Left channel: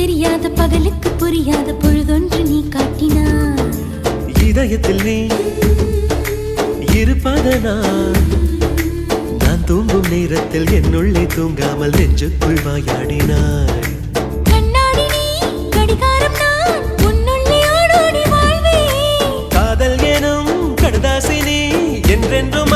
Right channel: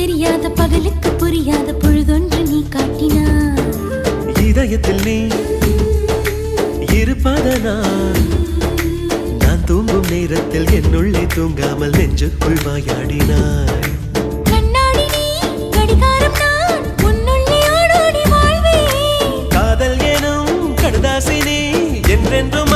தெரியாத பகலுக்கு புரியாத பொழுதொன்று நீ காட்டினாய். இதயத்தில் நீ இருப்பதனால் நான் தூங்கும் நேரத்தில் என்னுள்ளே தூங்காமல் நெஞ்சுக்குள் வாயாடினாய். கண்ணாடி நீ கடிகாரம் நான் உன்னுள்ளே ஓடோடி வாழ்வேன். காதல் எனும் கடுதாசி நீ என்றென்றும்